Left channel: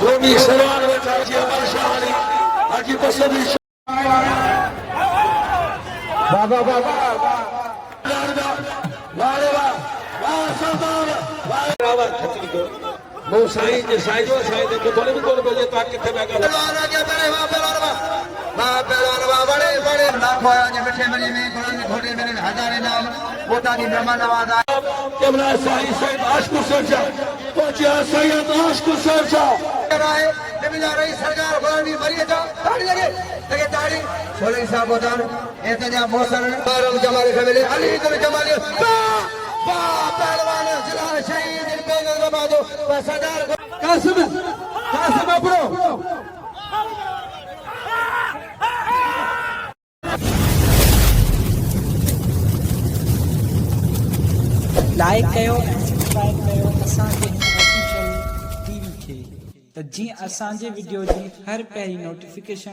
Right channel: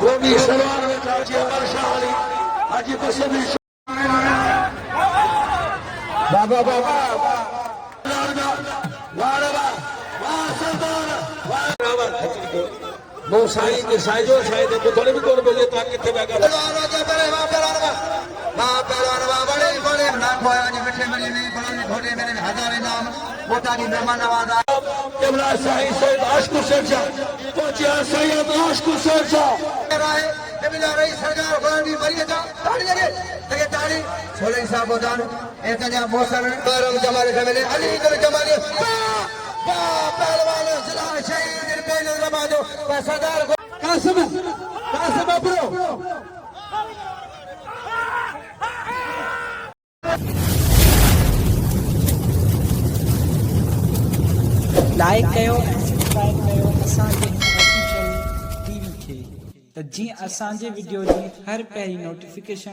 जो भी सलवार में हाजी अमर शाह अली हाजी बसरी बाबा बाबा वो साईं जे साईं जो ॿुधण बि कोन मिले तव्हां किथे बड़े बड़े मिठे मिली में कुरान घोड़े में हज़ारे नाम मोता की ब्रह्मा नवाज़ा जमना साईं सैयद आशिक़ सरजा पहुंचा सैयद आशिक़ सरजा रही सरकार फलानी मरी जा ताड़ी लगे ताड़ी सोलह साहब बोदान एतजा मोसन बारम जमाले खबले अली को जमाले पहलवान जिला शहीद कोई नमाजो पैसादार कासिम ब्रो लाइक कयो सब्सक्राइब कयो असांजे ऑफिशियल टीवी खे त जीअं असांजे वीडियो जी हर पहिरीं नोटिफिकेशन